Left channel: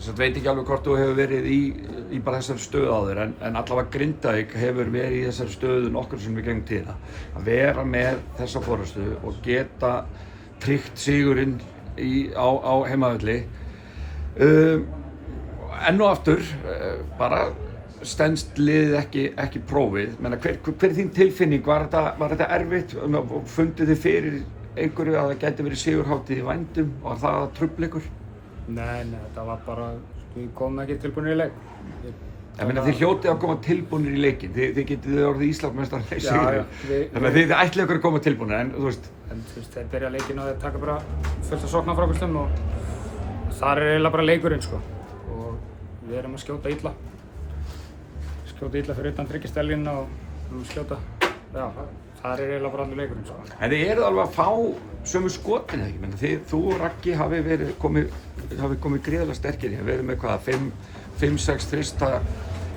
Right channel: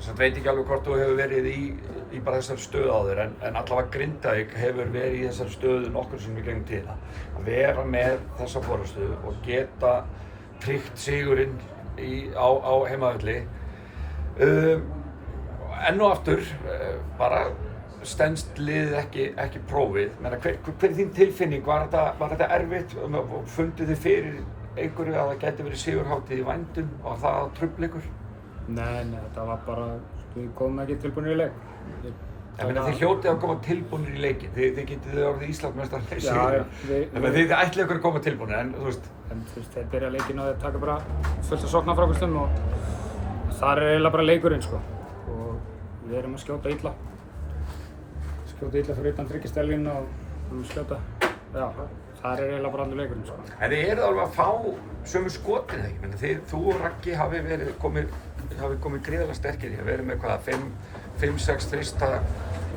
Ég veit ekki alveg hvort þú hefur verið í bara þessari stöðu áður en allavega Grindavík hefur verið í þessari stöðu nokkur sem við gegnum tíðina. Að vera með þessa forystu og geta tryggt sigurinn á heimavelli. Enn og aftur, bara stenst liðið ekki prófið. Hver er þín tilfinning? Var þetta erfitt? Funduð þið fyrir einhverju að það gæti verið sigurhátíð í vændum? Var það trufl ykkur? Nei, þetta var bara, við komum ekki tilbúinir í leik. Þið hljótið að koma tilbúinir í leikin, þið getið orðið Íslandsmeistarar í Já, sigur. Þið ætlið ykkur að koma tilbúinir, en þú veist... En þú veist, þeir byrja leikinn og þeir taka bara fullt af sóknarfrákvörslum og þar eiginlega bara leikurinn, sko. Og við erum að skjóta illa. Skjóta illa fyrir utan þryggjastelginn og við erum að skjóta, já, þar eiginlega bara allir leikurinn, sko. En þið eruð alveg að fá sömu skotin, ekki? Þú og Raggi hafi komið gríðarlega sterkir. Við erum með hvað, 5-6 þrista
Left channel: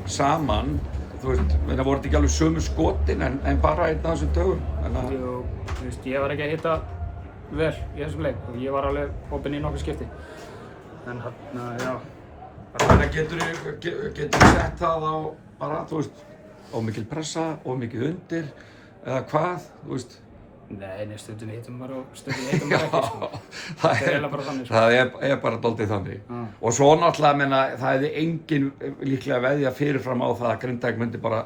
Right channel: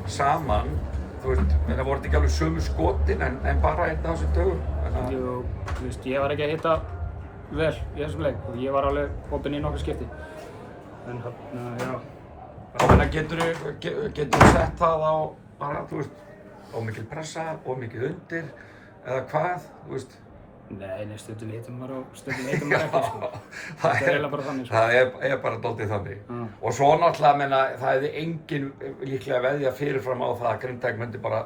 saman. Þú veist, voru þetta ekki alveg sömu skotin en bara einn af þessum dögum? Jú, þú veist, ég var ekki að hitta vel í þessum leik og ég var alveg opinn í nokkur skipti. En já. Þannig að geturðu sett það á bara, þú veist, ómikil pressa, ómikið undir, eða hvað, þú veist? Nei, stundum hittum maður og stundum hittum maður ekki, sko. Þetta er eiginlega bara þannig, sko. Það er bara dálítið þannig. Og svo náttúrulega, það hefði enginn líklega veðjað fyrirfram á það að Grindavík myndi bara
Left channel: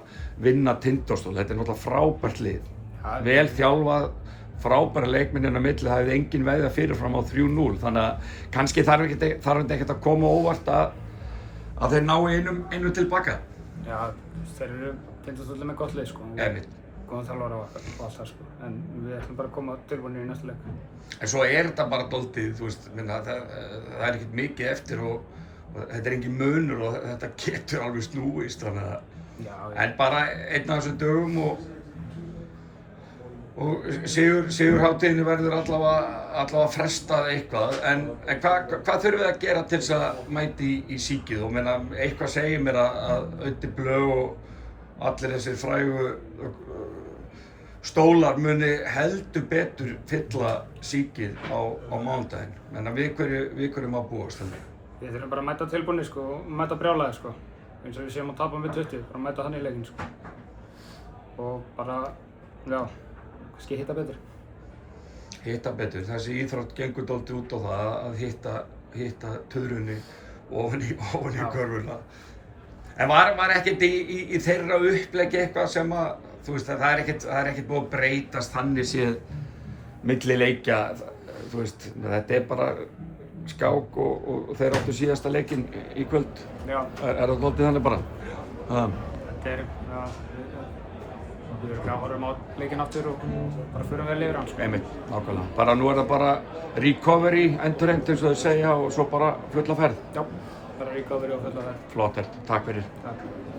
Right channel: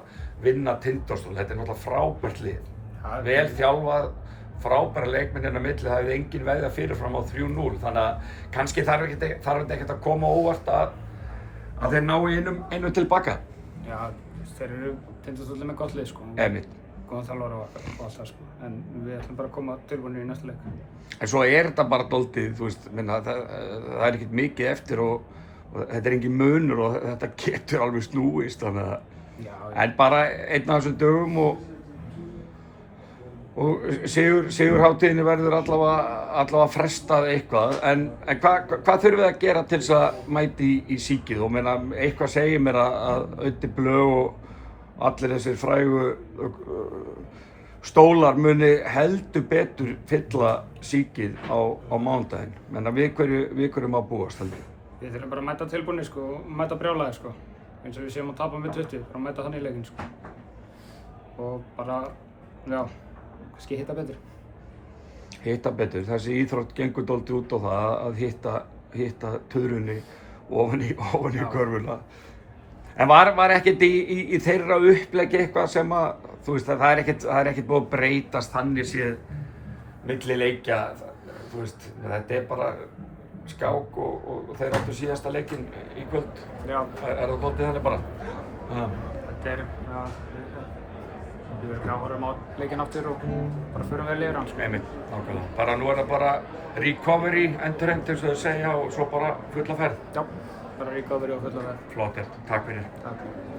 vinna Tindastól. Þetta er náttúrulega frábært lið. Vel þjálfað, frábæra leikmennina á milli, það hefði enginn veðjað fyrirfram á 3-0. Þannig að kannski þarf þetta ekkert að koma óvart að þeir nái einum tilbaka. Já, þeir eru Tindastóll með gott lið, sko. Góðan þjálfara og allt það, sko. En við ætlum bara að koma tilbúinir í næsta leik. En svo er þetta bara dálítið, þú veist, það er ekkert mikið eftir og þetta er engin munur og þetta getur alveg snúist, þannig að... Já. En bara einn af þessum dögum og sigurhátíðinni verður allavega frestað eitthvað. En hvað þurfum við að gera til þess að mæti í síkið? Og eitthvað segir mér að Auddi Blö og allir þessir frægu stólar muni heldur betur fylla síkið á mánudaginn. Menn við hverju má búast þannig? Við þurfum bara að mæta tilbúinir, sko, og mæta brjálæðir, sko. Eins og við séum að tapa með 20, bara mæta þannig í leikinn, sko. Og bara, já, kannski hitta betur. Hitta betur. Þessi íþrótt gengur dálítið út á það að hitta tuðrunni ofan í körfuna. En var ekkert í þeirra uppleggi eitthvað sem að, þú veist, það er ekkert búið að breytast þannig séð milli leikja, þú veist, þetta er bara skák og þeir áttu síðasta leikinn í kvöld. Já. Er það dálítið þannig bara? Þetta er, já, við verðum að horfa á leikinn aftur og bara förum vel yfir hann, sko. Einmitt, nákvæmlega. Bara nú er það bara recovery, endurheimt eins og þau segja og svo bara fulla ferð. Já. Bara recovery og fulla ferð. Flott, takk fyrir. Takk.